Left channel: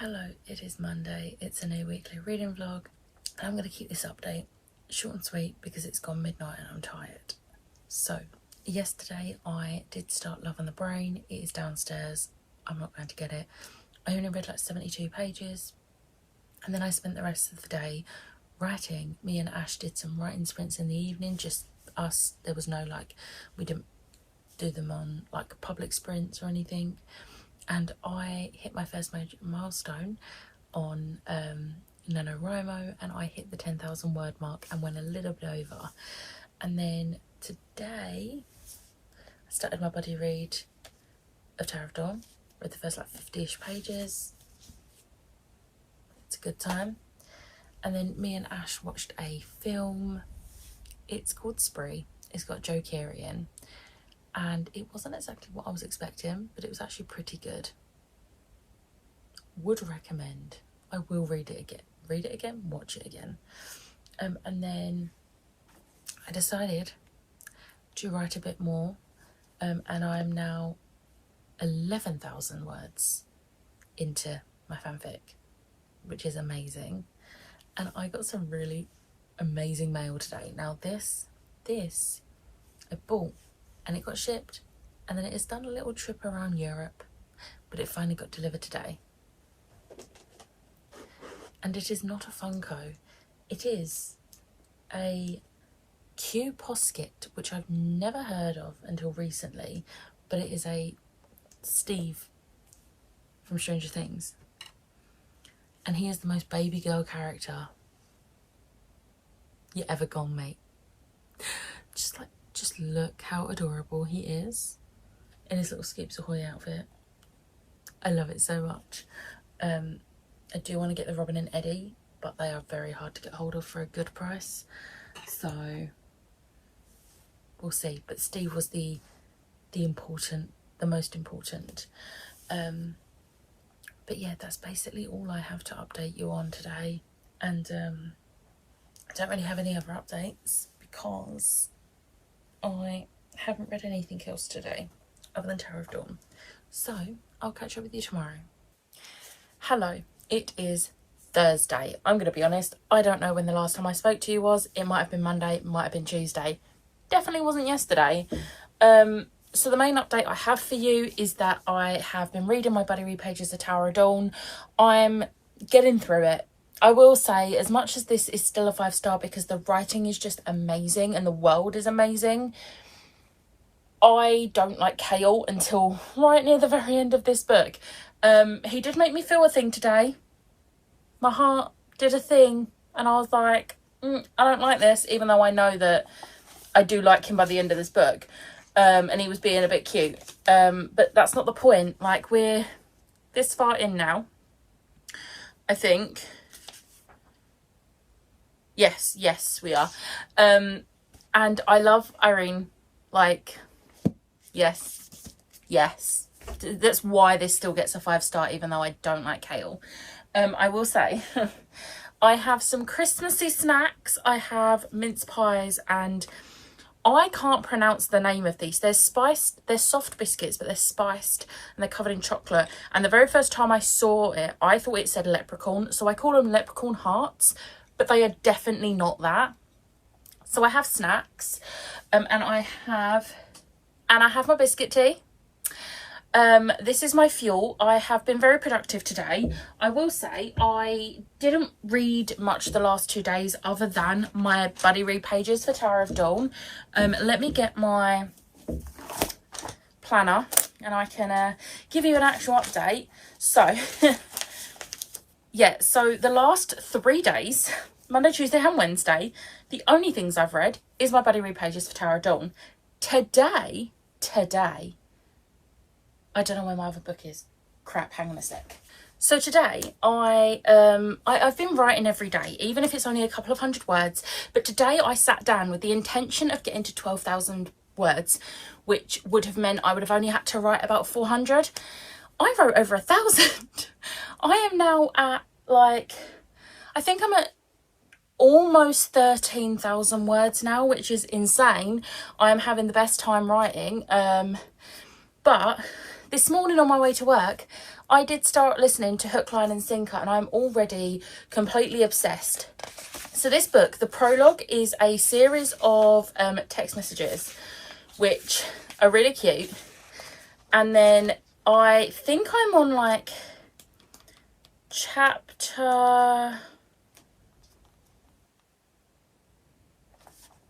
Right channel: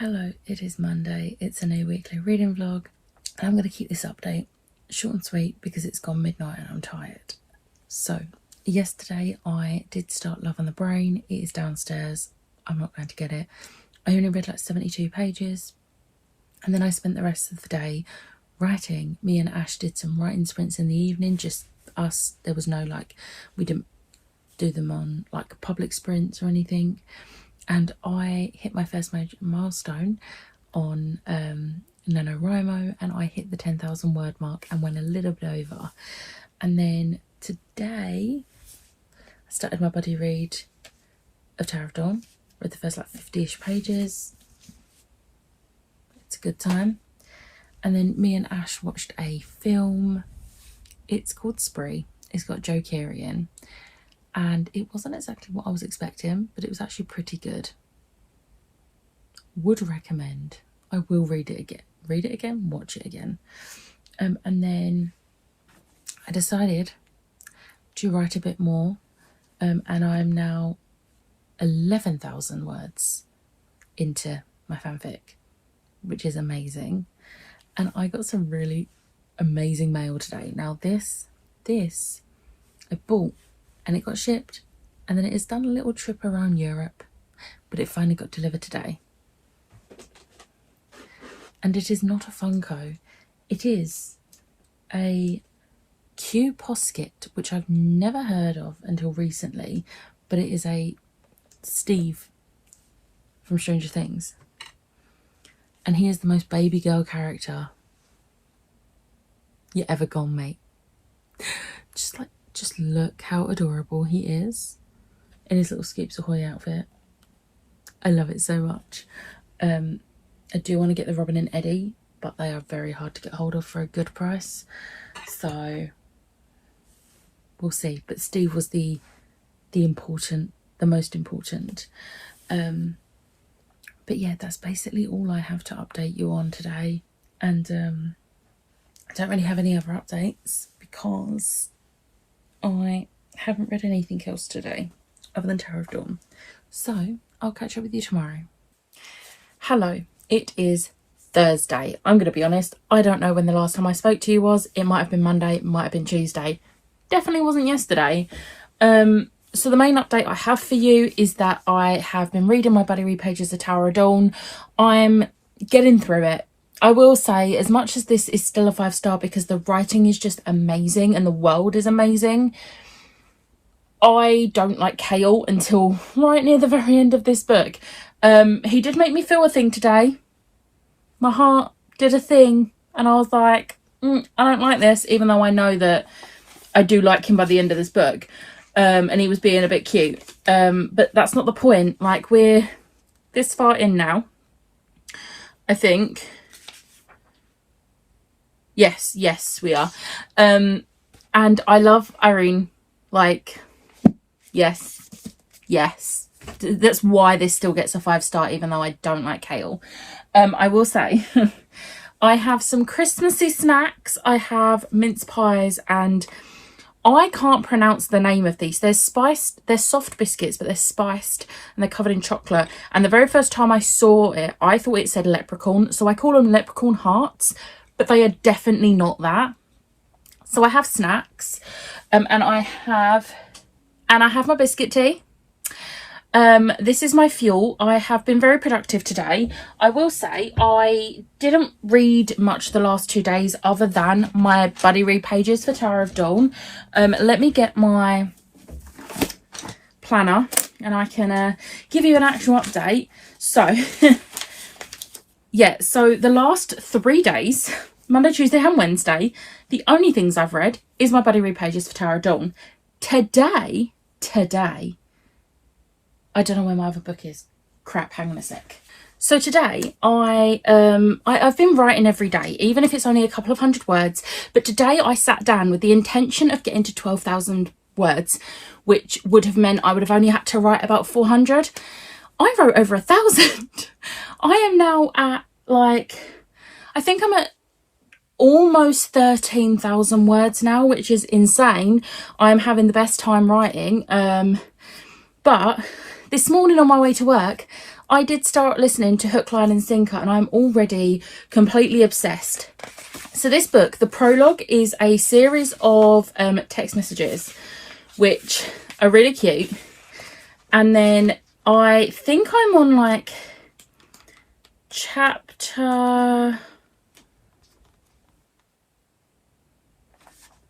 Hello, it is Monday. It's a new weekly reading vlog. And I'm going to keep this update short and sweet because it's gone midnight and I'm tired. So, yesterday I did start Love on the Brain. It is downstairs. I'm not going to get it. I only read like 72 pages. And then I spent the rest of the day writing. Me and Ash did some writing sprints in the evening, just us. There was no we didn't do them on like public sprints or anything. And I hit my first major milestone on Nanowrimo, and I hit the 10,000 word mark and went a little bit over. And then today I started my buddy read of Tower of Dawn. Read the first 50-ish pages. It's a good time. And then me and Ash watched a film. It's called Spree. It's got Joe Keery in. And it wasn't exactly what I was expecting, but it was actually pretty good. Would recommend. I will read it again. Read it again, watch it again. And then I decided to write a bit more. And I'm now 11,000 words into my fanfic, which is amazing. And I got some really amazing mail today. Now this I bought, and it got shipped, and then it has done a little trip around Europe, but it finally got delivered today. And it is not a Funko. It is a Q Posket, which I've never heard of until recently, but it is a Steve from Stranger Things. And he is the most baby girl character you ever gone, mate. Just look how adorable he is in his little Scoops Ahoy outfit. I love it so much. I do want to get the Robin and Eddie, but they are very hard to get hold of for a good price. So we'll see. But Steve was the most important. But yeah, that's basically all I have to update you on today. And I don't really have any other updates because I haven't read anything else today other than Tower of Dawn. So I'll catch up with you tomorrow. Hello, it is Thursday. I'm going to be honest, I don't know when the last time I spoke to you was. It might have been Monday, it might have been Tuesday. Definitely wasn't yesterday. So the main update I have for you is that I have been reading my buddy read pages of Tower of Dawn. I'm getting through it. I will say, as much as this is still a 5-star because the writing is just amazing and the world is amazing, I don't like Kale until right near the very end of this book. He did make me feel a thing today. My heart did a thing and I was like, I don't like this, even though I know that I do like him by the end of this book. And he was being a bit cute. But that's not the point. Like, we're this far in now, I think. Yes, we are. And I love Irene. Like, yes. That's why this still gets a 5-star, even though I don't like Kale. I will say, I have some Christmassy snacks. I have mince pies, and I can't pronounce the name of these. They're spiced, they're soft biscuits, but they're spiced and they're covered in chocolate. And the very first time I saw it, I thought it said leprechaun. So I call them leprechaun hearts, but they are definitely not that. So I have snacks, and I have my biscuit tea. This is my fuel. I have been very productive today. I will say I didn't read much the last 2 days other than my buddy read pages for Tower of Dawn. Let me get my planner and I can give you an actual update. So yeah, so the last 3 days, Monday, Tuesday and Wednesday, the only things I've read is my buddy read pages for Tower of Dawn. Today, I don't know where my other book is. Crap, hang on a sec. So today, I've been writing every day, even if it's only a couple of 100 words. But today I sat down with the intention of getting to 12,000 words, which would have meant I would have only had to write about 400. I wrote over 1,000. I am now at I think I'm at almost 13,000 words now, which is insane. I'm having the best time writing. But This morning on my way to work, I did start listening to Hook, Line and Sinker, and I'm already completely obsessed. So this book, the prologue, is a series of text messages, which are really cute. And then I think I'm on like chapter...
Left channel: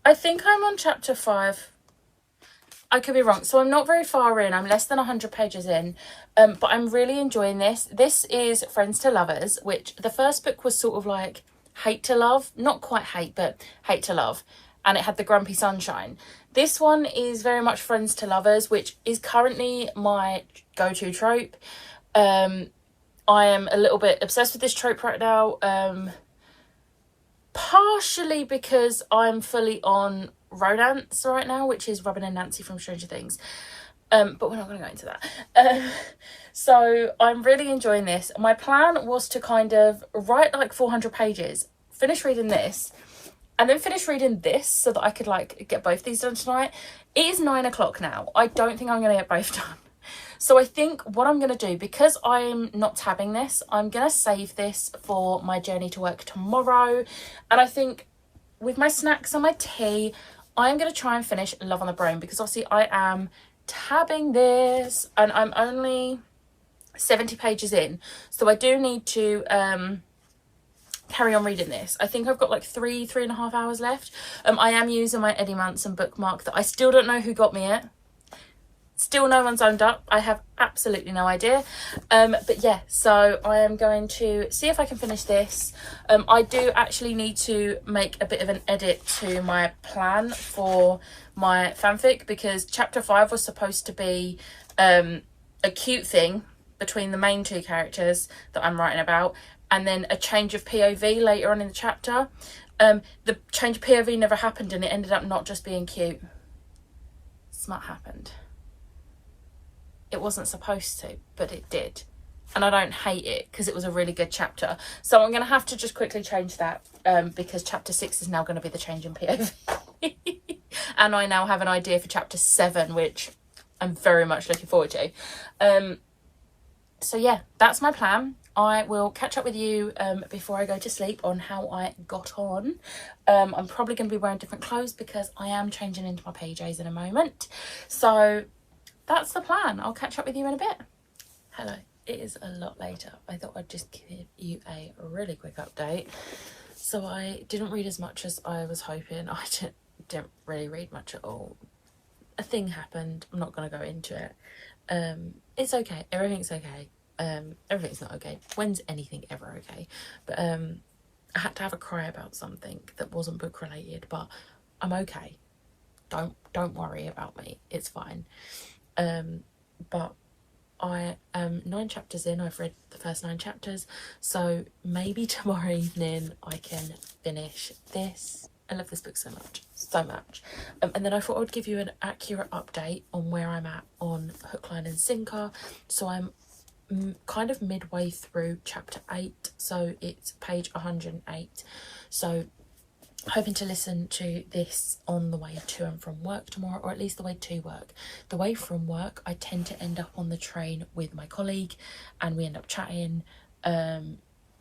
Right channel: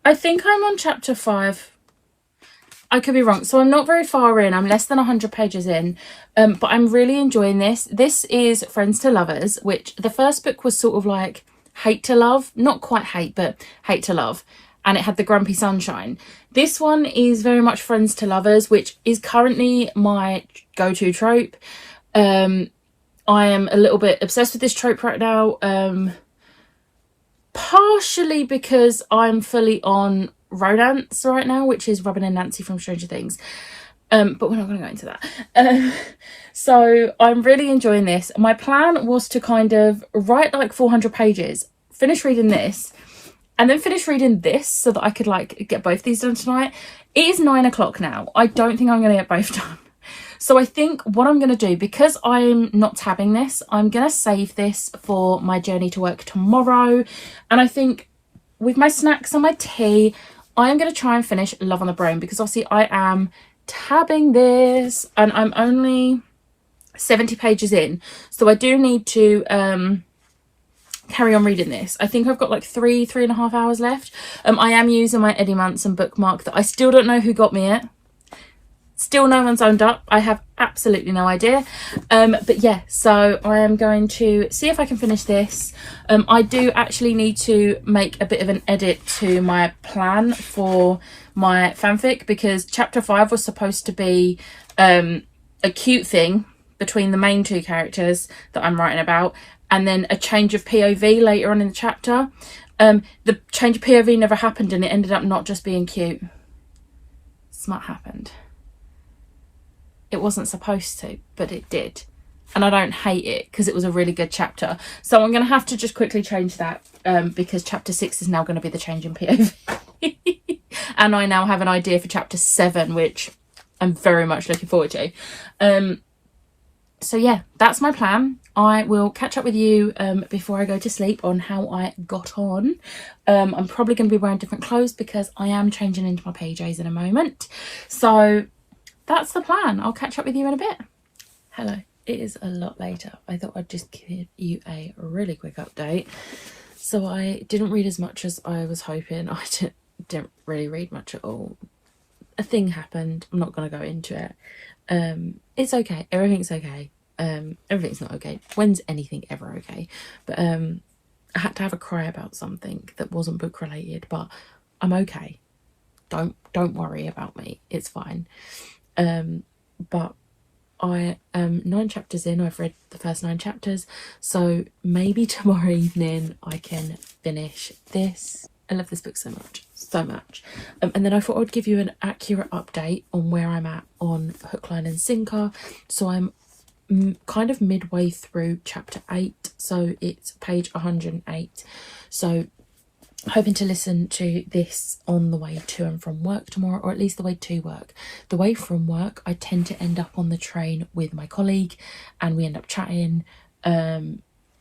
I think I'm on chapter 5. I could be wrong. So I'm not very far in. I'm less than 100 pages in. But I'm really enjoying this. This is Friends to Lovers, which the first book was sort of like hate to love. Not quite hate, but hate to love. And it had the grumpy sunshine. This one is very much Friends to Lovers, which is currently my go-to trope. I am a little bit obsessed with this trope right now. Partially because I'm fully on romance right now, which is Robin and Nancy from Stranger Things. But we're not going to go into that. So I'm really enjoying this. My plan was to kind of write like 400 pages, finish reading this, and then finish reading this so that I could like get both these done tonight. It is 9 o'clock now. I don't think I'm going to get both done. So I think what I'm going to do, because I'm not tabbing this, I'm going to save this for my journey to work tomorrow. And I think with my snacks and my tea, I am going to try and finish Love on the Brain, because obviously I am tabbing this and I'm only 70 pages in. So I do need to carry on reading this. I think I've got like 3.5 hours left. I am using my Eddie Munson bookmark that I still don't know who got me it. Still no one's owned up. I have absolutely no idea. But yeah, so I am going to see if I can finish this. I do actually need to make a bit of an edit to my plan for my fanfic, because chapter 5 was supposed to be a cute thing between the main two characters that I'm writing about, and then a change of POV later on in the chapter. The change of POV never happened, and it ended up not just being cute. Smut happened. It wasn't supposed to, but it did. And I don't hate it, because it was a really good chapter. So I'm going to have to just quickly change that, because chapter 6 is now going to be the change in POV. And I now have an idea for chapter 7, which I'm very much looking forward to. So yeah, that's my plan. I will catch up with you before I go to sleep on how I got on. I'm probably going to be wearing different clothes, because I am changing into my PJs in a moment. So that's the plan. I'll catch up with you in a bit. Hello, it is a lot later. I thought I'd just give you a really quick update. So I didn't read as much as I was hoping. I didn't really read much at all. A thing happened. I'm not going to go into it. It's okay. Everything's okay. Everything's not okay. When's anything ever okay? But I had to have a cry about something that wasn't book related, but I'm okay. Don't worry about me. It's fine. But I am 9 chapters in. I've read the first 9 chapters, so maybe tomorrow evening I can finish this. I love this book so much. And then I thought I would give you an accurate update on where I'm at on Hook, Line and Sinker. So I'm kind of midway through chapter 8, so it's page 108. So hoping to listen to this on the way to and from work tomorrow, or at least the way to work. The way from work, I tend to end up on the train with my colleague and we end up chatting.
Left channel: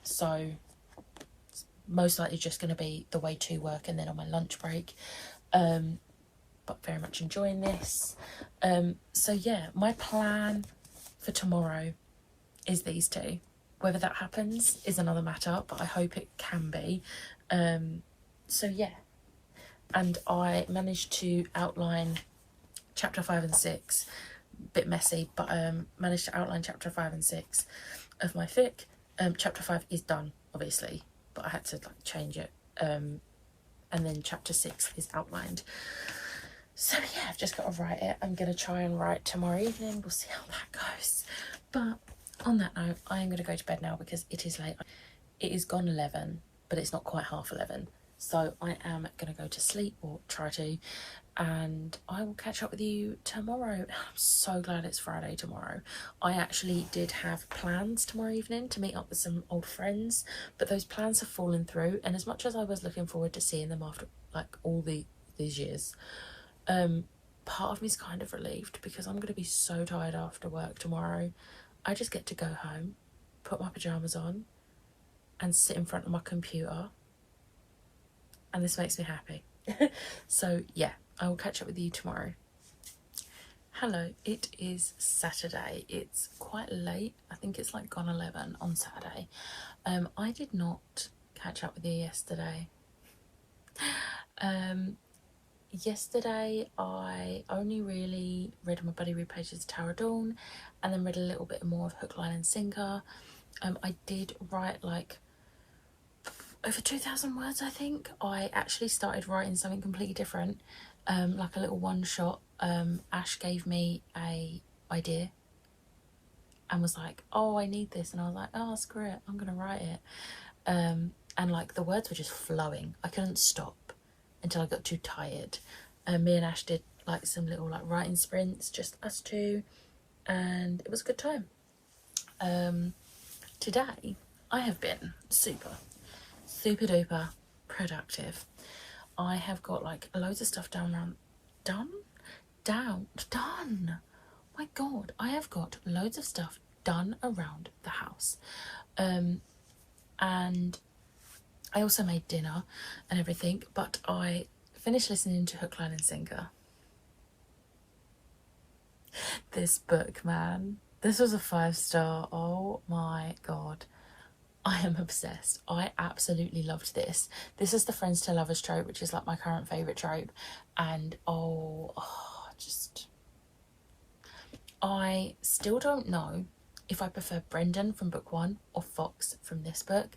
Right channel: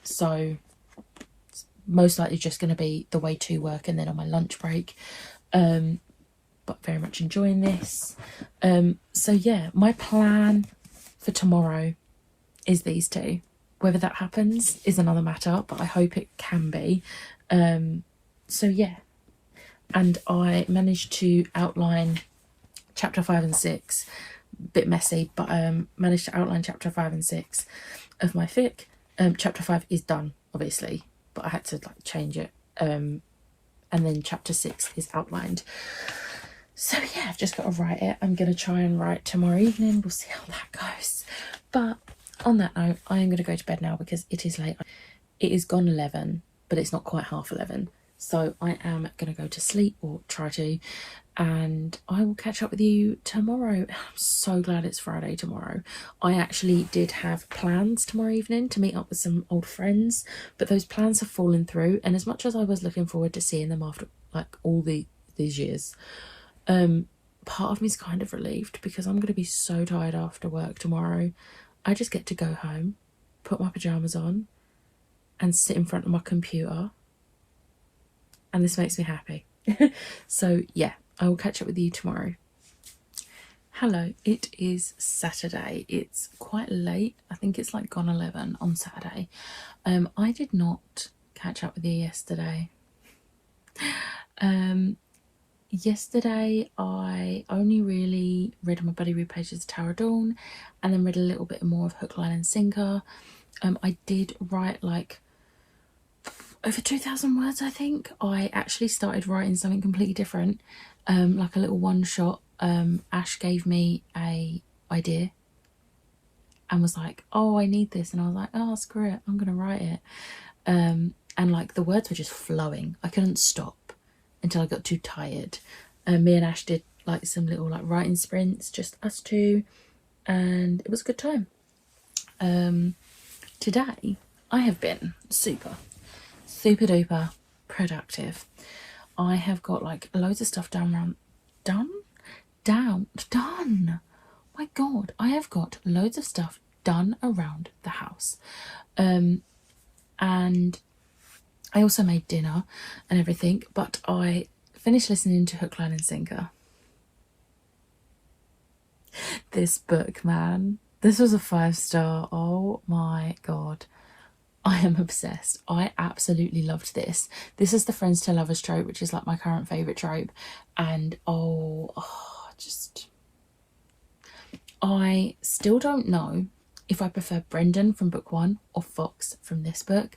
So most likely just going to be the way to work and then on my lunch break. But very much enjoying this. So yeah, my plan for tomorrow is these two. Whether that happens is another matter, but I hope it can be. So yeah, and I managed to outline chapter 5 and 6, bit messy, but managed to outline chapter 5 and 6 of my fic. Chapter 5 is done, obviously, but I had to like change it, and then chapter 6 is outlined. So yeah, I've just got to write it. I'm going to try and write tomorrow evening. We'll see how that goes. But on that note, I am going to go to bed now because it is late. It is gone 11, but it's not quite half 11. So I am going to go to sleep, or try to, and I will catch up with you tomorrow. I'm so glad it's Friday tomorrow. I actually did have plans tomorrow evening to meet up with some old friends, but those plans have fallen through. And as much as I was looking forward to seeing them after like all these years, part of me is kind of relieved because I'm going to be so tired after work tomorrow. I just get to go home, put my pyjamas on and sit in front of my computer, and this makes me happy. So yeah, I will catch up with you tomorrow. Hello, it is Saturday. It's quite late. I think it's like gone 11 on Saturday. I did not catch up with you yesterday. Yesterday I only really read my Buddy Read pages of Tower of Dawn and then read a little bit more of Hook, Line and Sinker. I did write like over 2,000 words, I think. I actually started writing something completely different, like a little one shot. Ash gave me a idea and was like, oh, I need this, and I was like, oh, screw it, I'm gonna write it. And like the words were just flowing. I couldn't stop until I got too tired. Me and Ash did like some little like writing sprints, just us two, and it was a good time. Today I have been super duper productive. I have got like loads of stuff done. My god, I have got loads of stuff done around the house. And I also made dinner and everything, but I finished listening to Hook, Line and Sinker. This book, man, this was a 5-star. Oh my god, I am obsessed. I absolutely loved this. This is the friends to lovers trope, which is like my current favourite trope. And I still don't know if I prefer Brendan from book 1 or Fox from this book.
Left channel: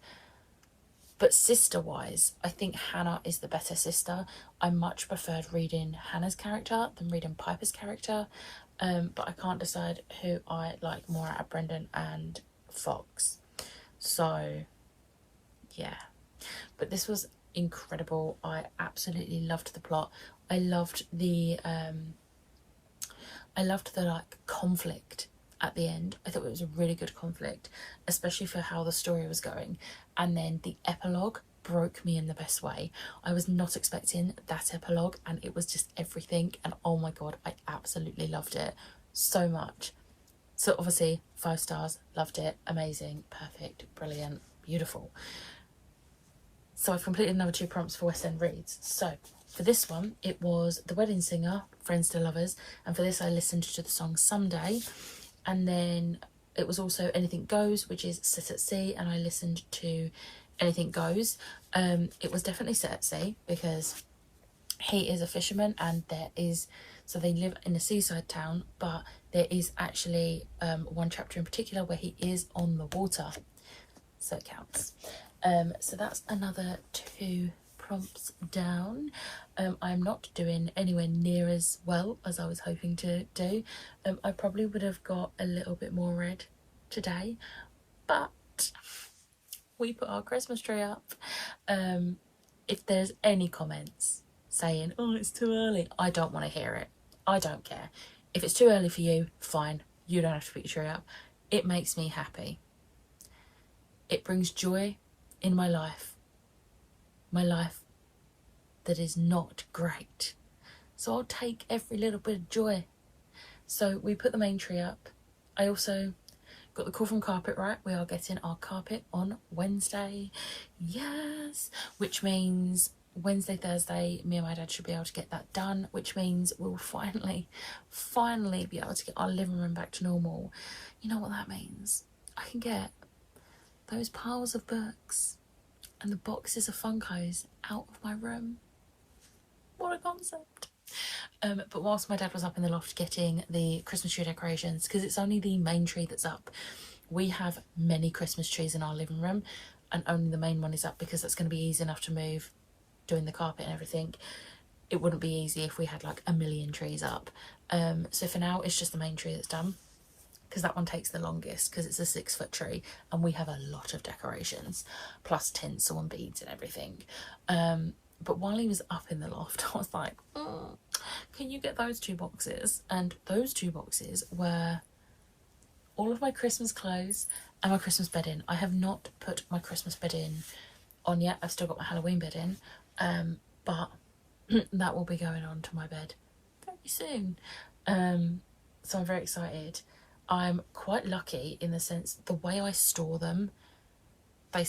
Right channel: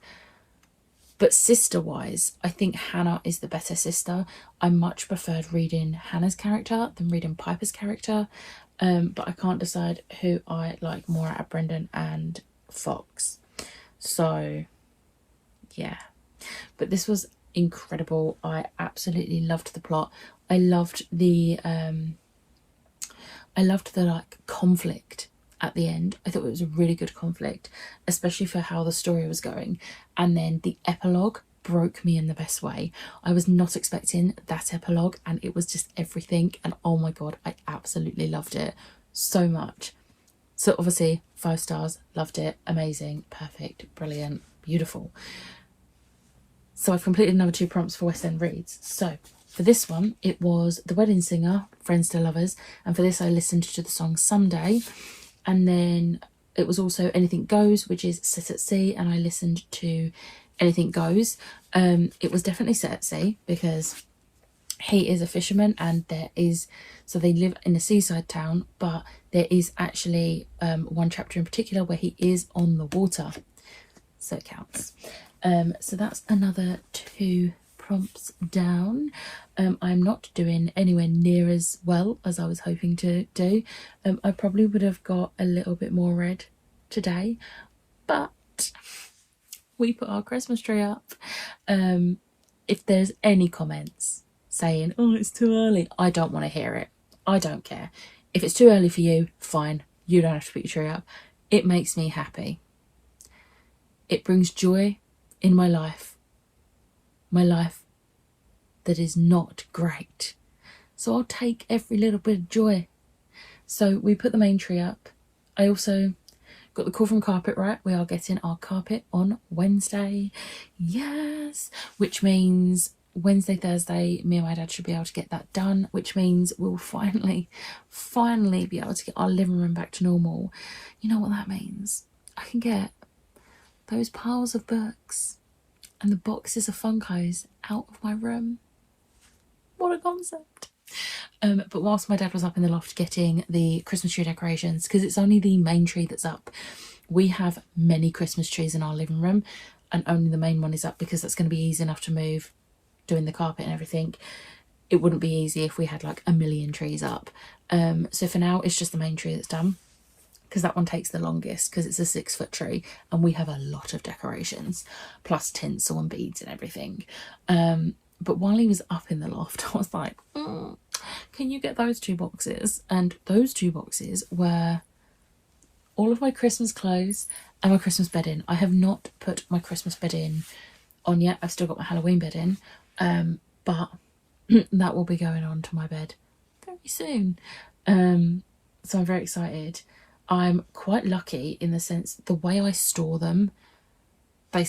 But sister-wise, I think Hannah is the better sister. I much preferred reading Hannah's character than reading Piper's character. But I can't decide who I like more out of Brendan and Fox. So, yeah. But this was incredible. I absolutely loved the plot. I loved the like conflict at the end. I thought it was a really good conflict, especially for how the story was going. And then the epilogue broke me in the best way. I was not expecting that epilogue, and it was just everything. And oh my god, I absolutely loved it so much. So obviously 5 stars, loved it, amazing, perfect, brilliant, beautiful. So I've completed another 2 prompts for West End Reads. So for this one, it was The Wedding Singer, Friends to Lovers, and for this I listened to the song Someday. And then it was also Anything Goes, which is Set at Sea, and I listened to Anything Goes. It was definitely Set at Sea because he is a fisherman, and so they live in a seaside town, but there is actually one chapter in particular where he is on the water, so it counts. So that's another 2 prompts down. I'm not doing anywhere near as well as I was hoping to do. I probably would have got a little bit more read today, but we put our Christmas tree up. If there's any comments saying, oh, it's too early, I don't want to hear it. I don't care. If it's too early for you, fine, you don't have to put your tree up. It makes me happy. It brings joy in my life that is not great, so I'll take every little bit of joy. So we put the main tree up. I also got the call from Carpet Right. We are getting our carpet on Wednesday, yes, which means Wednesday, Thursday, me and my dad should be able to get that done, which means we'll finally be able to get our living room back to normal. You know what that means? I can get those piles of books and the boxes of Funkos out of my room. What a concept. But whilst my dad was up in the loft getting the Christmas tree decorations, because it's only the main tree that's up, we have many Christmas trees in our living room, and only the main one is up because that's going to be easy enough to move, doing the carpet and everything. It wouldn't be easy if we had like a million trees up. So for now it's just the main tree that's done, because that one takes the longest because it's a 6-foot tree and we have a lot of decorations plus tinsel and beads and everything. But while he was up in the loft, I was like, can you get those 2 boxes? And those 2 boxes were all of my Christmas clothes and my Christmas bed in. I have not put my Christmas bed in on yet. I've still got my Halloween bed in, but that will be going on to my bed very pretty soon. So I'm very excited. I'm quite lucky in the sense the way I store them, they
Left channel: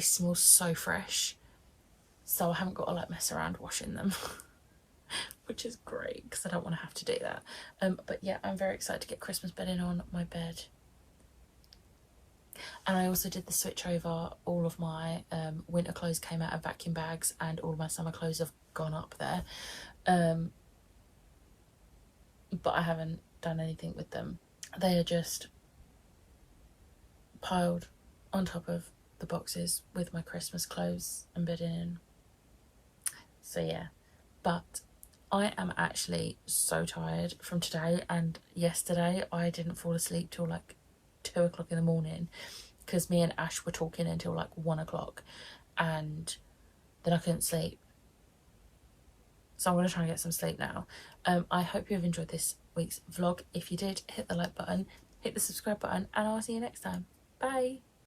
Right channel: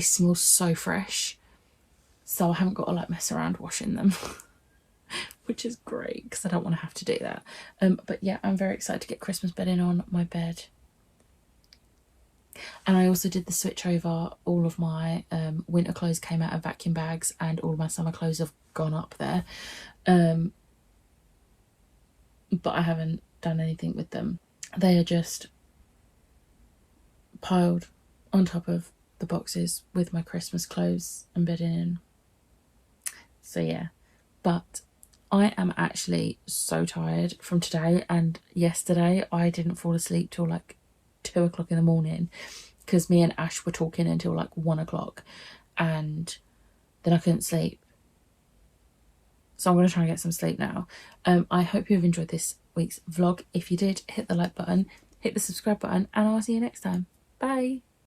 smell so fresh, so I haven't got to like mess around washing them. Which is great because I don't want to have to do that. But yeah, I'm very excited to get Christmas bedding on my bed. And I also did the switch over. All of my winter clothes came out of vacuum bags and all of my summer clothes have gone up there. But I haven't done anything with them. They are just piled on top of the boxes with my Christmas clothes and bedding in. So yeah, but I am actually so tired from today and yesterday. I didn't fall asleep till like 2 o'clock in the morning because me and Ash were talking until like 1 o'clock and then I couldn't sleep. So I'm going to try and get some sleep now. I hope you've enjoyed this week's vlog. If you did, hit the like button, hit the subscribe button, and I'll see you next time. Bye.